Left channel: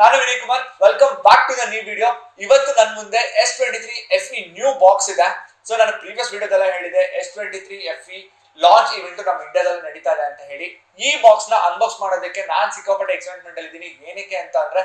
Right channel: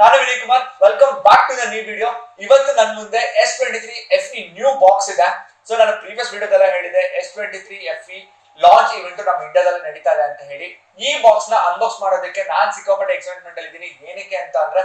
ನಾನು Vinay Kumar. Welcome back to the new video. ಇವತ್ತು ನನ್ನ ಮುಂದೆ S23 FE ನ್ಯೂ ಬಾಕ್ಸ್ ಇದೆ. ಸೊ ನಾನು ಪ್ರೀವಿಯಸ್ ವಿಡಿಯೋದಲ್ಲ ಹೇಳಿದೆ S23 FE ಲಾಂಚ್ ಇವೆಂಟ್ ನಮ್ಮ ಇಂಡಿಯಾದಲ್ಲಿ ನಡೀತಾ ಇದೆ ಅಂತ ಹೇಳಿ. ಈ ಬಾಕ್ಸ್ ನ ಅನ್ಬಾಕ್ಸ್ ಮಾಡೋದಕ್ಕೆ ನಾನ್ ಸಿಕ್ಕಾಪಟ್ಟೆ ಎಕ್ಸೈಟ್ಮೆಂಟ್ ಅಲ್ಲಿ ಇದ್ದೀನಿ. ಏನಕ್ಕೆ ಅಂತ ಅಂದ್ರೆ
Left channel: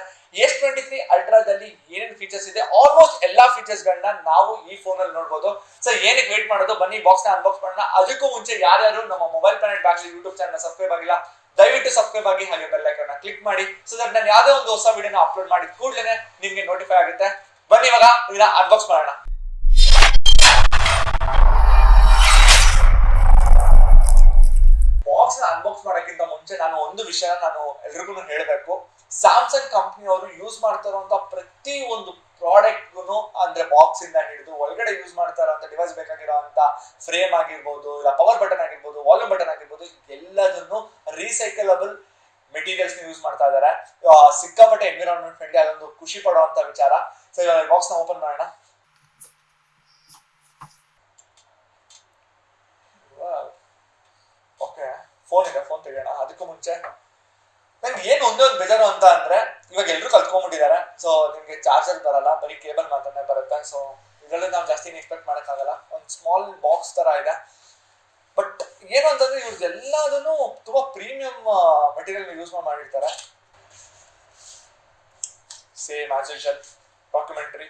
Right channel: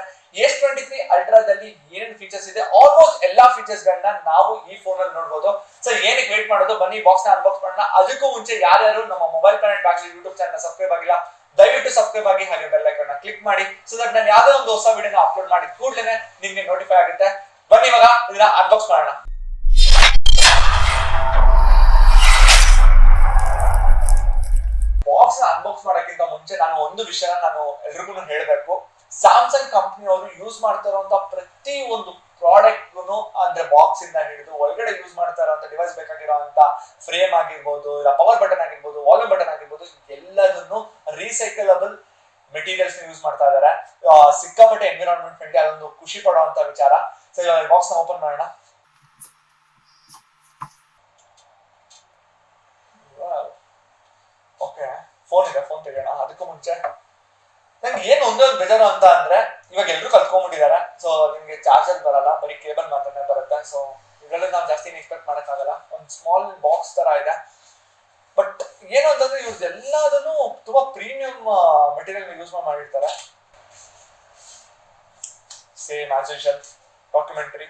S23 ಅಲ್ಟ್ರಾದಲ್ಲಿ ಏನೇನು ಫೀಚರ್ಸ್ ಇದೆ, ಆಲ್ಮೋಸ್ಟ್ ಎಲ್ಲಾ ಫೀಚರ್ಸ್ ಗಳನ್ನ ನಾವು ಈ ಫೋನ್ ಅಲ್ಲಿ ನೋಡಬಹುದು. ಸೊ ಏನಕ್ಕೆ ವೇಟ್ ಮಾಡೋದು, ಬನ್ನಿ ಬಾಕ್ಸ್ ನ ಅನ್ಬಾಕ್ಸ್ ಮಾಡೋಣ. ಅದಕ್ಕೂ ಮುಂಚೆ ಯಾರ್ಯಾರು ನಮ್ಮ ಮೊಬೈಲ್ ಪ್ಲಾನೆಟ್ ಬ್ಯಾಗ್ಲಿ ಯೂಟ್ಯೂಬ್ ಚಾನಲ್ ಸಬ್ಸ್ಕ್ರೈಬ್ ಆಗಿಲ್ಲ, ದಯವಿಟ್ಟು ಸಬ್ಸ್ಕ್ರೈಬ್ ಆಗಿ, ಹಾಗೆ ಬೆಲ್ ಐಕಾನ್ ಕ್ಲಿಕ್ ಮಾಡಿ. ಸೊ ದಟ್ ನಾನು ಯಾವುದೇ ಒಂದು ಹೊಸ ವಿಡಿಯೋನ ಅಪ್ಲೋಡ್ ಮಾಡಿ ಕೂಡಲೇ ನಿಮ್ಗೆ ನೋಟಿಫೈ ಆಗುತ್ತೆ. ಬನ್ನಿ ಇವಾಗ ಇದನ್ನ ಅನ್ಬಾಕ್ಸ್ ಮಾಡೋಣ. ಬಾಕ್ಸ್ ಅನ್ಬಾಕ್ಸ್ ಮಾಡೋಕ್ಕಿಂತ ಮುಂಚೆ ನಾನು ಒಂದು ವಿಷಯ ಎಲ್ರಿಗೂ ಹೇಳಬೇಕು. ಸ್ಯಾಮ್ಸಂಗ್ ಕಂಪನಿ ಅವರು ಯೂಸ್ ಮಾಡ್ತಾ ಇರುವಂತ ಪ್ರತಿ ಒಂದು ಪ್ರಾಡಕ್ಟ್ ಅಂದ್ರೆ ಬಾಕ್ಸ್ ಇಂದ ಹಿಡಿದು ಒಳಗಡೆ ಯೂಸ್ ಮಾಡ್ತಾ ಇರುವಂತ ಡಿವೈಸ್ ಬೇಕಾಗಿರುವಂತ ಫ್ರೇಮ್ ಆಗಿರ್ಬೋದು, ಇಲ್ಲ ಪವರ್ ಬಟನ್ ಆಗಿರ್ಬೋದು, ವಾಲ್ಯೂಮ್ ಬಟನ್ ಆಗಿರ್ಬೋದು, ಎಲ್ಲದನ್ನು ರೀಸೈಕಲಬಲ್ ಮೆಟೀರಿಯಲ್ಸ್ ಯೂಸ್ ಮಾಡ್ತಾ ಇದ್ದಾರೆ. ಸಿಕ್ಕಾಪಟ್ಟೆ ಎನ್ವಿರಾನ್ಮೆಂಟ್ ಫ್ರೆಂಡ್ಲಿ, ಅದೊಂದು ಖುಷಿ ಪಡುವಂತ ವಿಚಾರ. ಸೊ ಇವಾಗ ಬಾಕ್ಸ್ ನ ಓಪನ್ ಮಾಡೋಣ. ಓಕೆ, ಫೋನ್ ಇದೆ, ಫೋನ್ ತೆಗೆಯೋಣ. ಅದಕ್ಕೂ ಮುಂಚೆ ನಂಗೆ ಏನ್ ಒಂದೊಂದು ಬೇಜಾರು ಅಂತ ಅಂದ್ರೆ, ಇವಾಗ ಎಲ್ರು ಕಲ್ತ್ಕೊಂಡ್ಬಿಟ್ಟಿದ್ದಾರೆ. ಸೊ ನಿಮ್ಗೆ ಚಾರ್ಜರ್ ಬರಲ್ಲ, ಬರೀ ಕೇಬಲ್ ಮಾತ್ರನೇ ಬರುತ್ತೆ. ಸೊ ಇದರಲ್ಲಿ ನಾವು ಜಾಸ್ತಿ ಎಕ್ಸ್ಪೆಕ್ಟ್ ಮಾಡಕ್ಕಾಗಲ್ಲ. ಒಂದು ಸ್ಮಾಲ್ ಬಾಕ್ಸ್ ತರ ಇದೆ. ಬಟ್ ಏನು ಅಂತಂದ್ರೆ ಇವ್ರದ್ದೆಲ್ಲದನ್ನು ತುಂಬಾ ಪ್ರೀಮಿಯಂ ಮೆಟೀರಿಯಲ್ ಯೂಸ್ ಮಾಡಿರ್ತಾರೆ. Same as usual documentary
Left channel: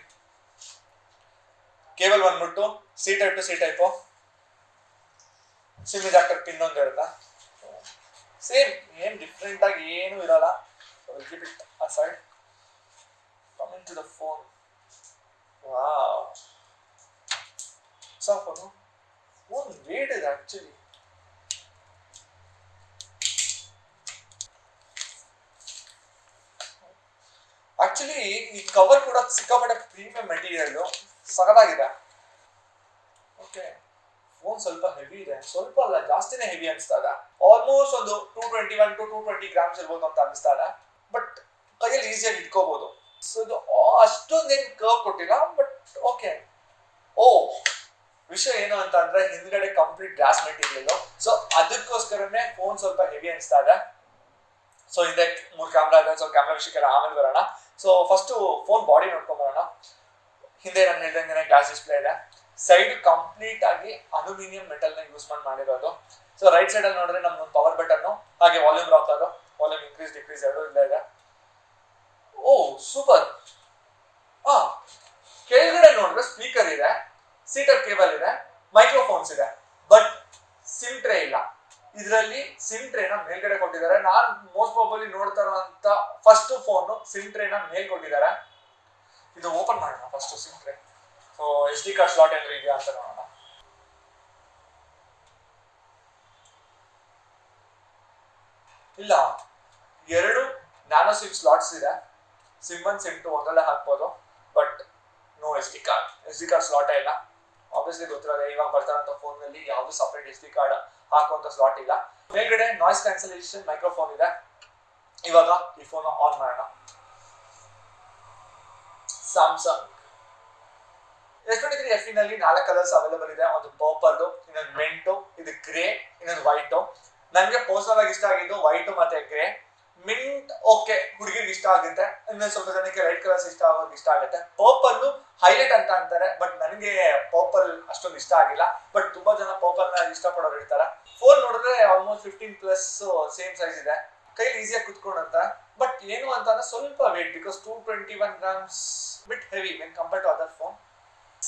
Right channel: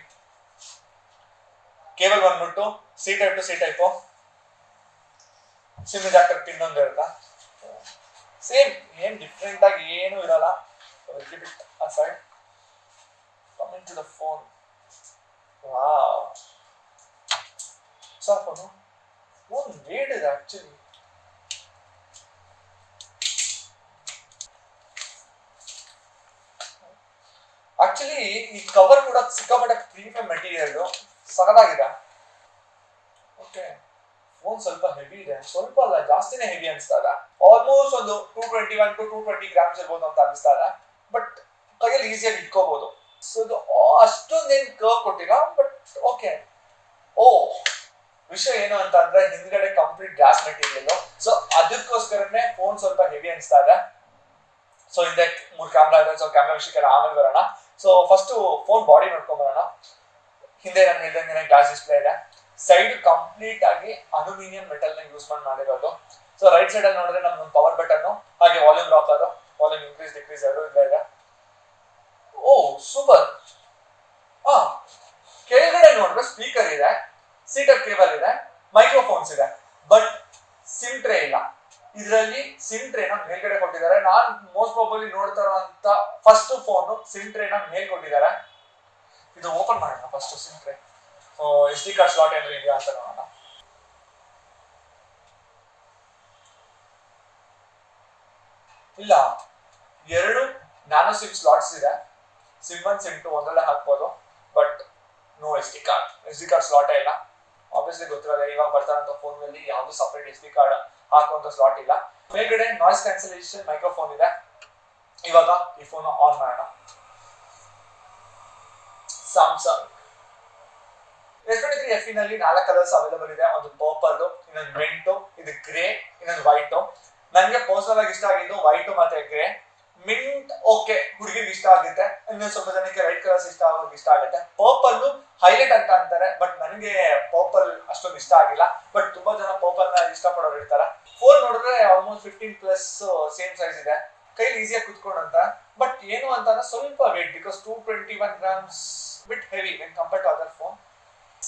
cable ಬಂದ್ಬಿಟ್ಟು C type to C type, SIM adapter pin ಒಂದು ಇರುತ್ತೆ. ಸೇಮ್, ಏನ್ ಡಿಫ್ರೆಂಟ್ ಆಗಿ ಏನು ಇರಲ್ಲ. aside coming to the phone, wow, so phone weight is actually ಈ ಕವರ್ ಕೂಡ ಸಿಕ್ಕಾಪಟ್ಟೆ ಪ್ರೀಮಿಯಂ ಮೆಟೀರಿಯಲ್, ಸಗದಾಗಿದೆ. ಓಕೆ, ಫೋನ್ ಸ್ವಲ್ಪ ಹೆವಿ ಇದೆ, ಸ್ವಲ್ಪ ಅಲ್ಲ ಜಾಸ್ತಿನೇ ಹೆವಿ ಅನಿಸ್ತಾ ಇದೆ. ಆಲ್ಮೋಸ್ಟ್ ಒಂದು 221 to 220 ಗ್ರಾಮ್ಸ್ ಇರ್ಬೋದು ಅಂತ ಅನಿಸ್ತಾ ಇದೆ. ಬಟ್ ಕೈಯಲ್ಲಿ ಈಸಿಯಾಗಿ ಇಟ್ಕೋಬಹುದು. ಸೊ ಇದು ಅಷ್ಟೊಂದೇನು ಕರ್ವ್ ಕೊಟ್ಟಿಲ್ಲ, ಬಟ್ ಓಕೆ. ವಿಷಯ ಏನು ಅಂತ ಅಂದ್ರೆ ಹಿಂದ್ಗಡೆ ಕಂಪ್ಲೀಟ್ ಗ್ಲಾಸ್ ಮೆಟೀರಿಯಲ್. ಸೊ ಅದಕ್ಕೋಸ್ಕರನೇ ಫೋನ್ ಸ್ವಲ್ಪ ಹೆವಿ ಅನಿಸ್ತಾ ಇದೆ. ಸೊ ಹಿಂದೆ 3 ಕ್ಯಾಮ್ರಾ ಇದೆ. ಸೊ ಕ್ಯಾಮ್ರಾ ವಿಷಯಕ್ಕೆ ಆಮೇಲೆ ಬರೋಣ. ಸೊ ಫಸ್ಟ್ ಫೋನ್ ಬಾಡಿ ನೋಡ್ಕೊಂಡ್ ಬರೋಣ. ಹಿಂದೆ ನಾನು ಹೇಳ್ದಂಗೆ ಗ್ಲಾಸ್ ಡಿಸ್ಪ್ಲೇ ಇದೆ. ಸೈಡ್ ಕಂಪ್ಲೀಟ್ ಆಗಿ ಅಲ್ಯೂಮಿನಿಯಂ ಮೆಟಲ್ ನ ಯೂಸ್ ಮಾಡಿರೋದು. ಸೊ ರೈಟ್ ಸೈಡ್ ಅಲ್ಲಿ ನೋಡಿದ್ರೆ ನಮ್ಗೊಂದು ಪವರ್ ಬಟನ್, ಹಾಗೆ volume rocker, volume increase decrease ಎರಡು ಇದೆ. ಸೂಪರ್. ಕೆಳಗಡೆ ನೋಡಿದ್ರೆ ಸ್ಪೀಕರ್ ಇದೆ, ಸೀಟಪ್ ಕೇಬಲ್ ಇದೆ, ಮೈಕ್ರೋಫೋನ್ಸ್ ಇದೆ. ಬಟ್ ಸಿಮ್ ಟ್ರೇ ಇಲ್ಲ. ಇದರಲ್ಲಿ ಸಿಮ್ ಟ್ರೇನ ಮೇಲ್ಗಡೆ ಕೊಟ್ಟಿದ್ದಾರೆ. ನಾನು ಮೋಸ್ಟ್ ಪ್ರಾಬಬ್ಲಿ ನೋಡ್ತಾ ಇರುವಂತ ಫಸ್ಟ್ ಫೋನ್ ಸಿಮ್ ಟ್ರೇನ ಮೇಲ್ ಕೊಟ್ಟಿದ್ದಾರೆ. ಇದು ಓಪನ್ ಮಾಡೋಣ first. SIM tray, SD card slot ಏನಾದ್ರು ಇದೆಯಾ ಅಂತ ನೋಡೋಣ. ಇಲ್ಲ, 2 ನ್ಯಾನೋ ಸಿಮ್ ಸ್ಲಾಟ್ಸ್ ಇದೆ. ಸಿಮ್ 1 ಸಿಮ್ 2 ಒಂದಲ್ಲೇ ಹಾಕ್ಬೋದು. But no SD card slot ಇಲ್ಲ. ಆಬ್ವಿಯಸ್ಲಿ ಗೊತ್ತಿರೋಲ್ಲ, ಇವಾಗ ಬರ್ತಾರಂತ ಫೋನ್ ನಲ್ಲಿ ಯಾವ್ದು ಸಪರೇಟ್ SD ಕಾರ್ಡ್ ಹಾಕುವಂತ ಸ್ಲಾಟ್ ಇಲ್ಲ. ಮೇಲ್ಗಡೆ ನಾಯ್ಸ್ ಕ್ಯಾನ್ಸಲೇಷನ್ ಮೈಕ್ರೋಫೋನ್ ಇದೆ. ಇವಾಗ ಈ ಫೋನ್ ಆನ್ ಮಾಡೋಣ. ಸ್ಯಾಮ್ಸಂಗ್ S23 FE ನಲ್ಲಿ 4 ಕಲರ್ಸ್ ಅವೈಲೇಬಲ್ ಇದೆ. ಒಂದು ಪರ್ಪಲ್, ಇನ್ನೊಂದು ಮಿಂಟ್, ಇದು ಗ್ರೇ, ಇನ್ನೊಂದು ವೈಟ್. ನನಗೆ ಪರ್ಸನಲ್ ಆಗಿ ಇಷ್ಟ ಆಗಿದ್ದು ವೈಟ್ ಮತ್ತೆ ಗ್ರೇ. ಮಿಂಟ್ ಓಕೆ, ಹುಡುಗಿಗೆ ಇಷ್ಟ ಆಗುತ್ತೆ. ಇನ್ನೊಂದು ಸ್ವಲ್ಪ ಜನಕ್ಕೆ ರೈಟ್ ಕಲರ್ಸ್ ಇಷ್ಟ ಆಗುತ್ತೆ. ಪರ್ಪಲ್ ಹೈಲೈಟ್ ಅಂತ ಅಂತಾರೆ, ಬಟ್ ನನಗೆ ಪರ್ಪಲ್ ಅಷ್ಟೊಂದು ಇಷ್ಟ ಆಗಿಲ್ಲ. ಬಟ್ ತುಂಬಾ ಜನ ಪರ್ಪಲ್ ನ ಇಷ್ಟಪಡೋರು ಇರ್ತಾರೆ. ಫೋನ್ ನೋಡಿದ್ರೆ ಆಲ್ಮೋಸ್ಟ್ 15+ ಸೇಮ್ ಸೈಜ್ ಇದೆ. ಕೈಲಿ ಈಸಿಯಾಗಿ ಕುತ್ಕೊಂಡಂತ. ಬಟ್ ಏನು ಅಂತಂದ್ರೆ ಸ್ವಲ್ಪ weight, because 221 grams bit heavy when compare to other phone.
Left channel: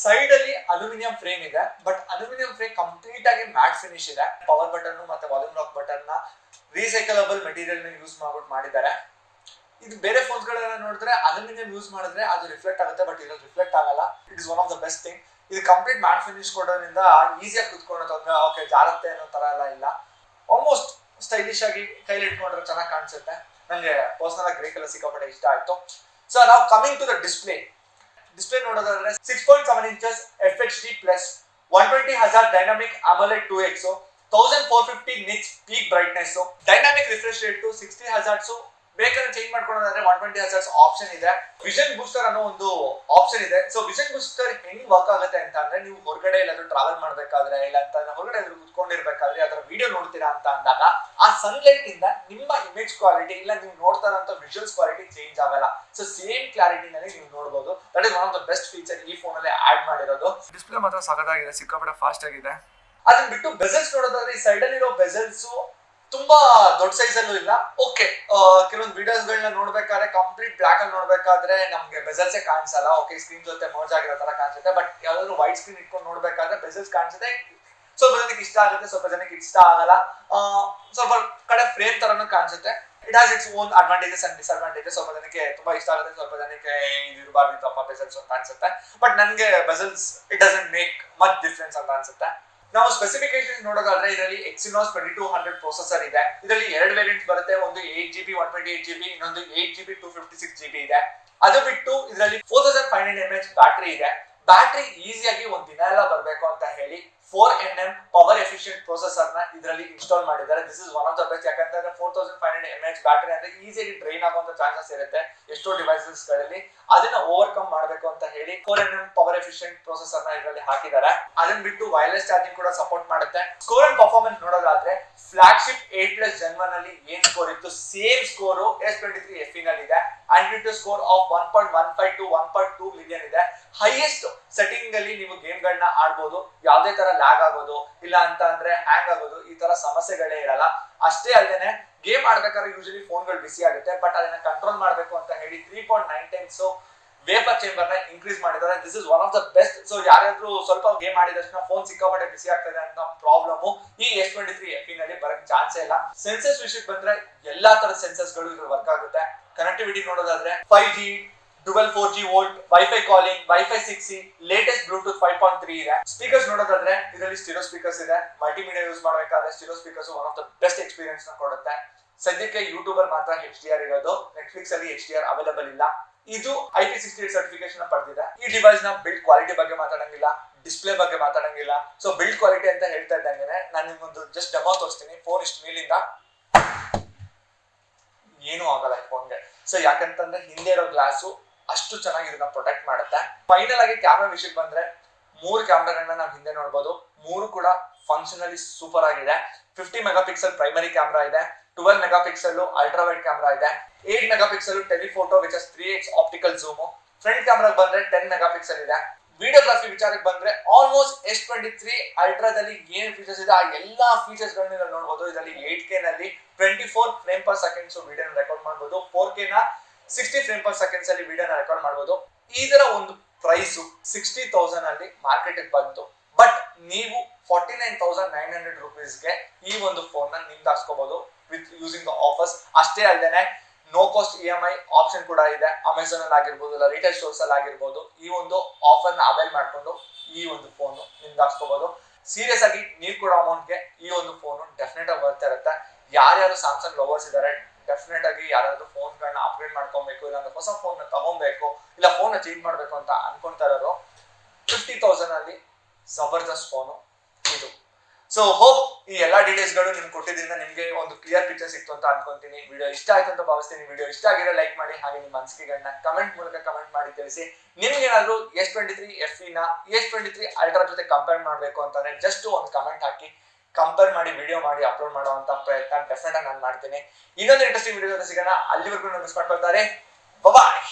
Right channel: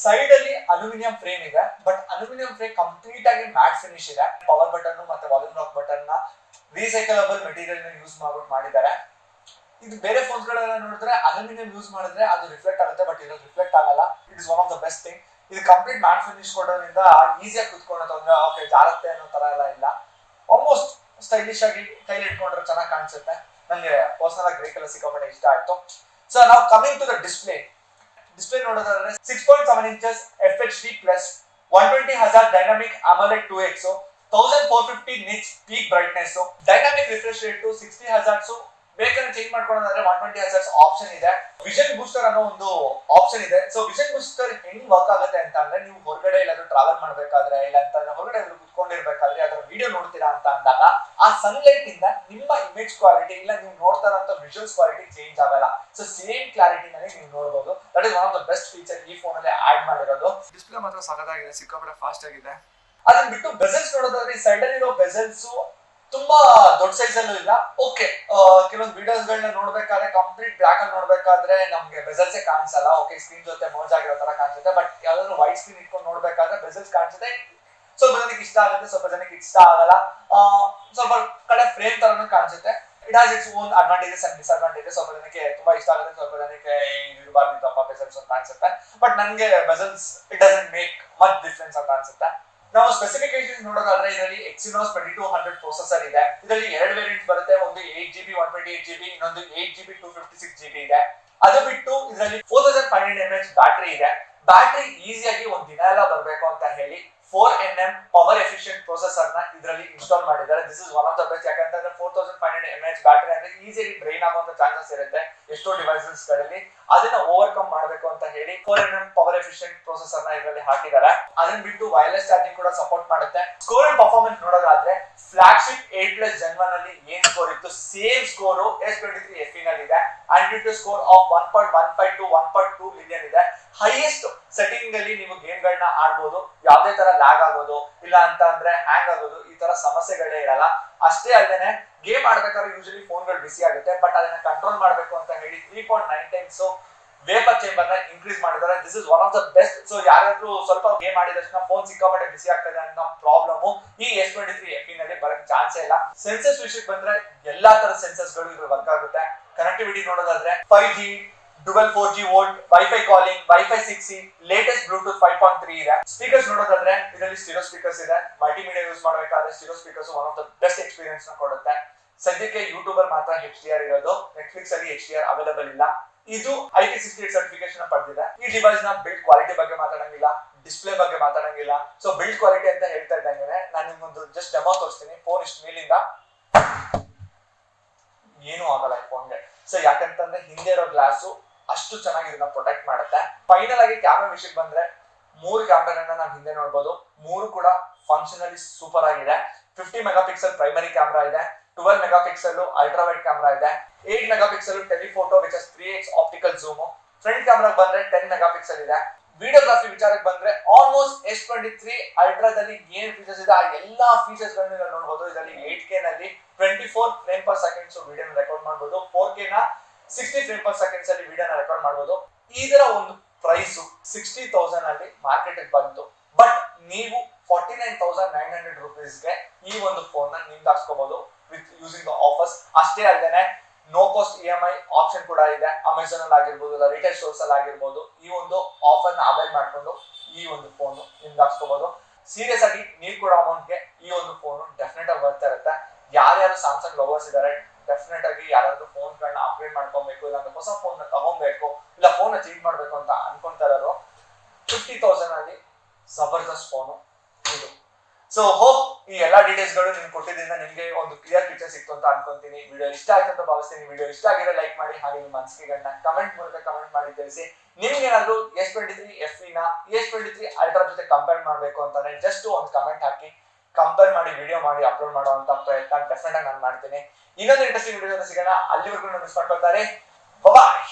Side ಅಲ್ಲಿ ಅಲ್ಯೂಮಿನಿಯಂ ಫ್ರೇಮ್ ಇದೆ. ಬಟ್ ಅಲ್ಯೂಮಿನಿಯಂ ಫ್ರೇಮ್ ಕಂಪ್ಲೀಟ್ ಆಗಿ ಮ್ಯಾಟ್ ಫಿನಿಶ್ ಇದೆ. ಪವರ್ ಬಟನ್ ಮತ್ತೆ ವಾಲ್ಯೂಮ್ ಲಾಕ್ ಬಟನ್ ನ ರೀಸೈಕಲಬಲ್ ಮೆಟೀರಿಯಲ್ ಯೂಸ್ ಮಾಡಿದ್ದಾರೆ. ಇದು ಬೇರೆ ಫೋನ್ಸ್ ಗಳನ್ನ ನೋಡಿದ್ರೆ ಅಲ್ಯೂಮಿನಿಯಂ ಯೂಸ್ ಮಾಡಿದ್ರೆ ಅದು ರಿಫ್ಲೆಕ್ಟ್ ಆಗುತ್ತೆ, ಬಟ್ ಇದು ರಿಫ್ಲೆಕ್ಟ್ ಆಗಲ್ಲ. It is one of the best thing. ಇದು ಕಂಪ್ಲೀಟ್ ಮ್ಯಾಟ್ ಫಿನಿಶ್ ಕೊಡೋದ್ರಿಂದ ಈಸಿಯಾಗಿ ಕುತ್ಕೊಳ್ಳೋದು, ಓಕೆ ಜಾರತ್ತೆ ಅನ್ನೋ ತರ ಎಲ್ಲ ಇಲ್ಲ. ಆಲ್ಮೋಸ್ಟ್ ಸ್ಟೈಲಿಶ್ ಆಗಿ ಕೈಲಿ ಇಟ್ಕೊಂಡ್ರೆ ಚೆನ್ನಾಗಿ ಕಾಣಿಸುತ್ತೆ. ನನಗೆ ಪರ್ಸನಲ್ ಆಗಿ ಗ್ರೇ ಕಲರ್ ಸಿಕ್ಕಾಪಟ್ಟೆ ಇಷ್ಟ ಆಯ್ತು. ಸೊ ನಾವು ಕಮಿಂಗ್ ಟು ದ ಡಿಸ್ಪ್ಲೇ ನೋಡೋದಾದ್ರೆ 6.7 inches FHD plus 120 Hz dynamic AMOLED 2X, 1450 nits peak brightness, dynamic refresh rate to 60 Hz, ಬೇಕಾದ್ರೆ ಚೇಂಜ್ ಮಾಡ್ಕೊಳ್ಳೋದಾದ್ರೆ 120 Hz ಆಪ್ಷನ್ ಇದೆ. ವಿಷನ್ ಬೂಸ್ಟರ್ ಅನ್ನೋ ಒಂದು ಆಪ್ಷನ್ ಇದೆ. ಸೊ ವಿಷನ್ ಬೂಸ್ಟರ್ ಹೆಂಗ್ ವರ್ಕ್ ಆಗುತ್ತೆ ಅಂತ ಅಂದ್ರೆ, ನೀವು ಹೊರಗಡೆ ಎಲ್ಲಾದ್ರೂ ಟ್ರಾವೆಲ್ ಮಾಡ್ಬೇಕಾದ್ರೆ, ಇಲ್ಲ ಅಂತಂದ್ರೆ ಹೊರಗಡೆ ಕುತ್ಕೊಂಡಿರ್ಬೇಕಾದ್ರೆ ಅದರ ವಿಡಿಯೋ ನೋಡ್ತೀರಾ ಅಂತ ಅಂದಾಗ ಆ ಸನ್ಲೈಟ್ ಇಂದ ನಿಮ್ಮ ಇಮೇಜ್ ಕ್ವಾಲಿಟಿ ಇಲ್ಲ ನೀವು ನೋಡ್ತಾ ಇರೋ ವಿಜುವಲ್ಸ್ ಕ್ವಾಲಿಟಿ ಚೇಂಜ್ ಆಗಲ್ಲ. ಸೊ ಸೇಮ್ ಕ್ಲಾರಿಟಿ ನಲ್ಲಿ ನೀವು ನೋಡಬಹುದು. That is one of the best feature ಈ ಫೋನ್ ಅಲ್ಲಿ ಆಡ್ ಮಾಡಿರೋದು. ಡಿಸ್ಪ್ಲೇ ಮಾತ್ರ ಸಖತ್ತಾಗಿದೆ, ಸಿಕ್ಕಾಪಟ್ಟೆ ಫಾಸ್ಟ್ ಆಗಿದೆ. ಅದನ್ನ ಬಿಟ್ಟು ಬೆಸಲ್ಸ್ ನೋಡೋದಾದ್ರೆ ಈ ಸೈಡ್ ಅಲ್ಲಿ ಇರೋ ಬೆಸಲ್ಸ್ ತುಂಬಾ ದೊಡ್ಡ ಸೈಜ್ ಅಲ್ಲೂ ಇಲ್ಲ. ಓಕೆ, ಕೆಲವೊಂದು ವಿಡಿಯೋಸ್ ಗಳನ್ನ ನೋಡ್ಬೇಕಾದ್ರೆ ಕಂಪ್ಲೀಟ್ ಬ್ಲಾಕ್ ಅಲ್ಲಿ ನೋಡ್ಬೇಕಾದ್ರೆ ನಮ್ಗೆ ಬೆಸಲ್ಸೇ ಕಾಣಿಸಲ್ಲ. ಓಕೆ, ಸ್ಕ್ರೀನ್ ಜೊತೆ ಮರ್ಜ್ ಆಗಿರೋ ತರ ಕಾಣಿಸುತ್ತೆ. ಬಟ್ ಯಾವ್ದಾದ್ರು ವೈಟ್ ಸ್ಕ್ರೀನ್ ಇಟ್ಕೊಂಡು ನೋಡ್ಬೇಕಾದ್ರೆ ಬೆಸಲ್ಸ್ ಕಾಣಿಸುತ್ತೆ. ಸ್ವಲ್ಪ ಜನಕ್ಕೆ ಇಷ್ಟ ಆಗುತ್ತೆ, ಸ್ವಲ್ಪ ಜನಕ್ಕೆ ಇಷ್ಟ ಆಗಲ್ಲ. ಸ್ವಲ್ಪ ಕಡೆ ಫ್ರೇಮ್ ತರನು ಕಾಣಿಸುತ್ತೆ. It has its own advantages and disadvantages. ಸ್ವಲ್ಪ ಜನಕ್ಕೆ ತುಂಬಾ ಇಷ್ಟ ಆಗುತ್ತೆ, ಸ್ವಲ್ಪ ಜನಕ್ಕೆ ಇರಬಾರ್ದು ಬೆಸಲ್ಸ್ ಅಂತ ಕಾಣಿಸುತ್ತೆ. ಬಟ್ ನನ್ಗೆ bezels it doesn't make much difference ಅಂತ ಅನ್ಸುತ್ತೆ. ನಾವು ಸ್ಪೆಸಿಫಿಕೇಶನ್ ನೋಡೋದಾದ್ರೆ ಇದರಲ್ಲಿ Exynos 2200 ಪ್ರೊಸೆಸರ್ ಇದೆ. ಇದರಲ್ಲಿ ಎರಡು ವೇರಿಯಂಟ್ ಬರುತ್ತೆ. ಒಂದು 8GB 128GB, ಇನ್ನೊಂದು 8GB 256GB ಇದೆ. ಅದು ಬಿಟ್ಟು ಇದರಲ್ಲಿ 4500 mAh ಬ್ಯಾಟರಿ ಇದೆ. ಬ್ಯಾಟರಿ ಈಸಿಯಾಗಿ ಒಂದ್ ದಿನ ಎಲ್ಲ ಬರ್ಬೇಕು ಅಂತ ಹೇಳಿ 4nm ಪವರ್ ಎಫಿಷಿಯಂಟ್ ಪ್ರೊಸೆಸರ್ ನ ಇದರಲ್ಲಿ ಇನ್ಸ್ಟಾಲ್ ಮಾಡಿದ್ದಾರೆ. This is one of the best. ಯಾಕಂತಂದ್ರೆ 4500 mAh ಬ್ಯಾಟರಿ ಅಂದ್ರೆ ಈಸಿಯಾಗಿ ಡ್ರೈನ್ ಆಗುವಂತ ಚಾನ್ಸಸ್ ಇರುತ್ತೆ ಎಷ್ಟೋ ಡಿವೈಸಸ್ ಗಳಲ್ಲಿ. ಅದನ್ನ ಓವರ್ಕಮ್ ಮಾಡಬೇಕು ಅಂತ ಹೇಳಿ 4nm ಪವರ್ ಎಫಿಷಿಯಂಟ್ ಪ್ರೊಸೆಸರ್ ನ ಇದರಲ್ಲಿ ಹಾಕಿದ್ದಾರೆ. ಅದನ್ನ ಬಿಟ್ಟು ವೈರ್ಲೆಸ್ ಚಾರ್ಜಿಂಗ್ ಕೂಡ ಸಪೋರ್ಟ್ ಮಾಡುತ್ತೆ. ಸ್ಕೋರ್ ಅಂಡ್ ಪರ್ಫಾರ್ಮೆನ್ಸ್ ನೋಡೋದಾದ್ರೆ ಫ್ಲಾಗ್ಶಿಪ್ 8+ Gen 1 ಅಲ್ಲಿ ಏನ್ ಸ್ಕೋರ್ ಇತ್ತು ಸೇಮ್ ಸ್ಕೋರ್ S23 FE ನಲ್ಲಿ ಇದೆ. ಆಂಟ್ರಿಟ್ಯೂಡ್ ಸ್ಕೋರ್ ಆಫ್ 1.15 to 1.2 ಮಿಲಿಯನ್ ಇದೆ. ಹೈಯೆಸ್ಟ್ ಸೆಟ್ಟಿಂಗ್ ಅಲ್ಲಿ ನೀವು ಗೇಮ್ ಗಳನ್ನ ಆಡಬಹುದು. ಯಾವುದೇ ತರ ಲ್ಯಾಗ್ ಆಗೋದು ಇಲ್ಲ ಅಂತ ಅಂದ್ರೆ ಹ್ಯಾಂಗ್ ಆಗೋದು ಈ ತರ ಸಮಸ್ಯೆಗಳೇ ಇರಲ್ಲ. ಅಷ್ಟೇ ಅಲ್ಲದೆ ಗೇಮ್ ಆಡ್ಬೇಕಾದ್ರೆ ಯೂಶಲಿ ಫೋನ್ಗಳು ಬಿಸಿ ಆಗುತ್ತೆ. ಬಟ್ ಅದನ್ನ ಕಂಟ್ರೋಲ್ ಮಾಡಬೇಕು ಅಂತ ಹೇಳಿ 3.9 times ವೇಪರ್ ಚೇಂಬರ್ ನ ಇನ್ಕ್ರೀಸ್ ಮಾಡಿದ್ದಾರೆ. This is one of the best. So ಯಾರಾದ್ರೂ ಸ್ವಲ್ಪ ಗೇಮ್ ಆಡಿದಷ್ಟು ಫೋನ್ ಸಿಕ್ಕಾಪಟ್ಟೆ ಬಿಸಿ ಆಗ್ತದೆ ಅನ್ನೋ ಪ್ರಾಬ್ಲಮ್ ಈ S23 FE ನಲ್ಲಿ ಬರಕ್ ಚಾನ್ಸೇ ಇಲ್ಲ. ಸೆನ್ಸರ್ಸ್ ವಿಷಯಕ್ಕೆ ಬಂದ್ರೆ ಎಲ್ಲಾ ತರ ಸೆನ್ಸರ್ಸ್ ಗಳು ಇದ್ರ ವರ್ಕ್ ಆಗುತ್ತೆ. ಕನೆಕ್ಟಿವಿಟಿ ನೋಡೋದಾದ್ರೆ 5G dual 4G VoLTE, wifi calling, wifi 6E, latest Bluetooth 5.3 ಇದೆ. ಸ್ಪೀಕರ್ಸ್ ನೋಡೋದಾದ್ರೆ ಇದರಲ್ಲಿ ಸ್ಟೀರಿಯೋ ಸ್ಪೀಕರ್ಸ್ ಇದೆ. ಮಲ್ಟಿಮೀಡಿಯಾ ಯೂಸ್ ಮಾಡಬೇಕಾದ್ರೆ stereo speakers one of the best experience ನ ಕೊಡುತ್ತೆ. ಸದ್ಯಕ್ಕೆ ಯೂಟ್ಯೂಬ್ ಅಲ್ಲಿ ಮಾತ್ರ HDR ಇರೋದು, ನೆಟ್ಫ್ಲಿಕ್ಸ್ ಅಲ್ಲಿ HDR ಅವೈಲೇಬಲ್ ಇಲ್ಲ. ಇದು IP68 ಸರ್ಟಿಫಿಕೇಶನ್ ಪಡೆದಿದೆ. ಈ ಡಿವೈಸ್ ನ ಬಿಲ್ಡ್ ಕ್ವಾಲಿಟಿ ಬಗ್ಗೆ ಮಾತಾಡಂಗಿಲ್ಲ, ಡಿಸ್ಪ್ಲೇ ಬಗ್ಗೆ ಮಾತಾಡಂಗಿಲ್ಲ. ಸೊ ಬಿಲ್ಡ್ ಕ್ವಾಲಿಟಿ ಅಂತ ಹೇಳ್ತಾ ಇದ್ದಂಗೆ ನಾನು ನಿಮ್ಗೊಂದು ಜಸ್ಟ್ ಡೆಮೋ ತೋರಿಸ್ತೀನಿ. ಫೋನ್ ಇಷ್ಟು ಮೇಲಿಂದ ಏನೂ ಆಗಲ್ಲ ಫೋನ್ಗೆ. ಸೊ ಯಾಕಂತಂದ್ರೆ ಹಿಂದೆ ಇರೋ ಗ್ಲಾಸು ಅಷ್ಟು ಚೆನ್ನಾಗಿ ಇದನ್ನ ಪ್ರೊಟೆಕ್ಟ್ ಮಾಡುತ್ತೆ. ಫೈನಲ್ ಆಗಿ ಕ್ಯಾಮ್ರಾ ವಿಷಯಕ್ಕೆ ಬಂದ್ರೆ 3 ಕ್ಯಾಮ್ರಾಗಳನ್ನ ನಾವು ಹಿಂದೆ ನೋಡಬಹುದು. 3 ಕೂಡ ಫಂಕ್ಷನಲಿ ಸೂಪರ್ ಆಗಿದೆ. 50 ಮೆಗಾಪಿಕ್ಸೆಲ್ ಪ್ರೈಮರಿ ಕ್ಯಾಮ್ರಾ ಇದೆ, 12 ಮೆಗಾಪಿಕ್ಸೆಲ್ ಅಲ್ಟ್ರಾ ವೈಡ್ ಕ್ಯಾಮ್ರಾ ಇದೆ, 8 megapixel telephoto which is 3x optical zoom. Front camera ಬಂದ್ರೆ 10 ಮೆಗಾಪಿಕ್ಸೆಲ್ ಇದೆ. ವಿಡಿಯೋಗ್ರಫಿ ವಿಚಾರಕ್ಕೆ ಬಂದ್ರೆ ಆಲ್ಮೋಸ್ಟ್ S23 ಅಲ್ಟ್ರಾದಲ್ಲಿ ಏನ್ ಫೀಚರ್ಸ್ ಇದೆ ಆ ಎಲ್ಲಾ ಫೀಚರ್ಸ್ ಗಳನ್ನ ನೋಡಬಹುದು. ಇದರಲ್ಲಿ 8K ನಲ್ಲಿ 24 ಫ್ರೇಮ್ ಪರ್ ಸೆಕೆಂಡ್ಸ್ ವಿಡಿಯೋನ ರೆಕಾರ್ಡ್ ಮಾಡಬಹುದು. 4K ನ 60 ಫ್ರೇಮ್ ಪರ್ ಸೆಕೆಂಡ್ಸ್ ಅಲ್ಲಿ ವಿಡಿಯೋನ ರೆಕಾರ್ಡ್ ಮಾಡಬಹುದು. ಇದರ ಒಂದು ಪ್ರೈಸ್ 60,000 ಅಲ್ಲಿ ಮಾರ್ಕೆಟ್ ಬಂತು. ಬಟ್ ನೀವು 49,900 rupeesಗೆ ಈ ಒಂದು ಫೋನ್ ನ ನಿಮ್ಗೆ ಹಾಕ್ಸ್ಕೋಬಹುದು ವಿತ್ ಯೂಸಿಂಗ್ ದ ಆಫರ್ಸ್. ಅಷ್ಟೇ ಅಲ್ಲದೆ ನೋ ಕಾಸ್ಟ್ EMI ಆಪ್ಷನ್ ಕೂಡ ಇದೆ. ಅಮೆಝಾನ್ ಅಲ್ಲಿ ಆಗಿರ್ಬೋದು, ಇಲ್ಲ ರಿಟೇಲ್ ಸ್ಟೋರ್ಸ್ ಅಲ್ಲಿ ಆಗಿರ್ಬೋದು, ಈ ಒಂದು ಆಫರ್ ನ ಅವೈಲ್ ಮಾಡ್ಕೊಂಡು ಈ ಒಂದು ಫೋನ್ ನಿಮ್ಗೆ ಹಾಕ್ಸ್ಕೋಬಹುದು. ಸೀರಿಯಸ್ ಆಗಿ ನೀವು ಕೊಡೋ ಅಮೌಂಟ್ಗೆ ಈ ಒಂದು ಫೋನ್ ಡೆಫಿನೆಟ್ ಆಗಿ ಬರ್ತಾ ಇರುತ್ತೆ. ಯಾರ್ಯಾರು ಸ್ಯಾಮ್ಸಂಗ್ ಲವರ್ಸ್ ಇದಾರೆ ಡೆಫಿನೆಟ್ ಆಗಿ ಯಾರಾದ್ರೂ ಫೋನ್ ಗಳನ್ನ ಅಪ್ಗ್ರೇಡ್ ಮಾಡ್ಕೊಬೇಕು, ಇಲ್ಲಾಂದ್ರೆ ಹೊಸ ಫೋನ್ ನ ತಗೊಬೇಕು, ಇಲ್ಲ ಫೋನ್ ನ ಚೇಂಜ್ ಮಾಡ್ಬೇಕು ಅಂತ ಅನ್ಕೊಂತಾ ಇರೋರು 50,000 ಅಲ್ಲಿ ಜಬರ್ದಸ್ತ್ ಫೋನು ಇದು. ಸೊ ಹೋಪ್ ಈ ಎಲ್ಲಾ ಡೀಟೇಲ್ಸ್ ಗಳು ನಿಮ್ಗೆ ಕೊಟ್ಟಿದ್ರಿಂದ ನಿಮ್ಗೆ ಒಂದು ಕ್ಲಿಯರ್ ಪಿಕ್ಚರ್ ಸಿಕ್ತು ಅಂತ ಅನ್ಕೊಂತೀನಿ. ವಿಡಿಯೋ ಇಷ್ಟ ಆಯ್ತು ಅಂತ ಭಾವಿಸ್ತೀನಿ. ವಿಡಿಯೋ ಇಷ್ಟ ಆಗಿದ್ರೆ ಲೈಕ್ ಮಾಡಿ, ಹಾಗೆ ನಿಮ್ಮ ಅನಿಸಿಕೆಗಳನ್ನ ಕಮೆಂಟ್ ಮೂಲಕ ಕಮೆಂಟ್ ಮಾಡಿ ತಿಳಿಸಿ. ನಿಮ್ಗೆ ಏನಾದ್ರು S23 FE ನ S23 ಅಲ್ಟ್ರಾ ಜೊತೆ ಕಂಪೇರ್ ಮಾಡ್ಬೇಕು ಅಂತಂದ್ರೆ ಜಸ್ಟ್ ಒಂದು ಕಮೆಂಟ್ ಹಾಕಿ, ಕಂಪೇರ್ ಮಾಡಿ ವಿಡಿಯೋ ಮಾಡಿ ಅಪ್ಲೋಡ್ ಮಾಡುವಂತ ಪ್ರಯತ್ನ ಡೆಫಿನೆಟ್ ಆಗಿ ನಾನು ಮಾಡ್ತೀನಿ. ಇನ್ನೊಂದು ಇಂಟ್ರೆಸ್ಟಿಂಗ್ ವಿಡಿಯೋ ಜೊತೆ ಸಿಗೋಣ. ಅಲ್ಲಿವರೆಗೂ ಮಿಸ್ ಮಾಡ್ಕೊಳ್ತಾರೆ. ಬಾಯ್.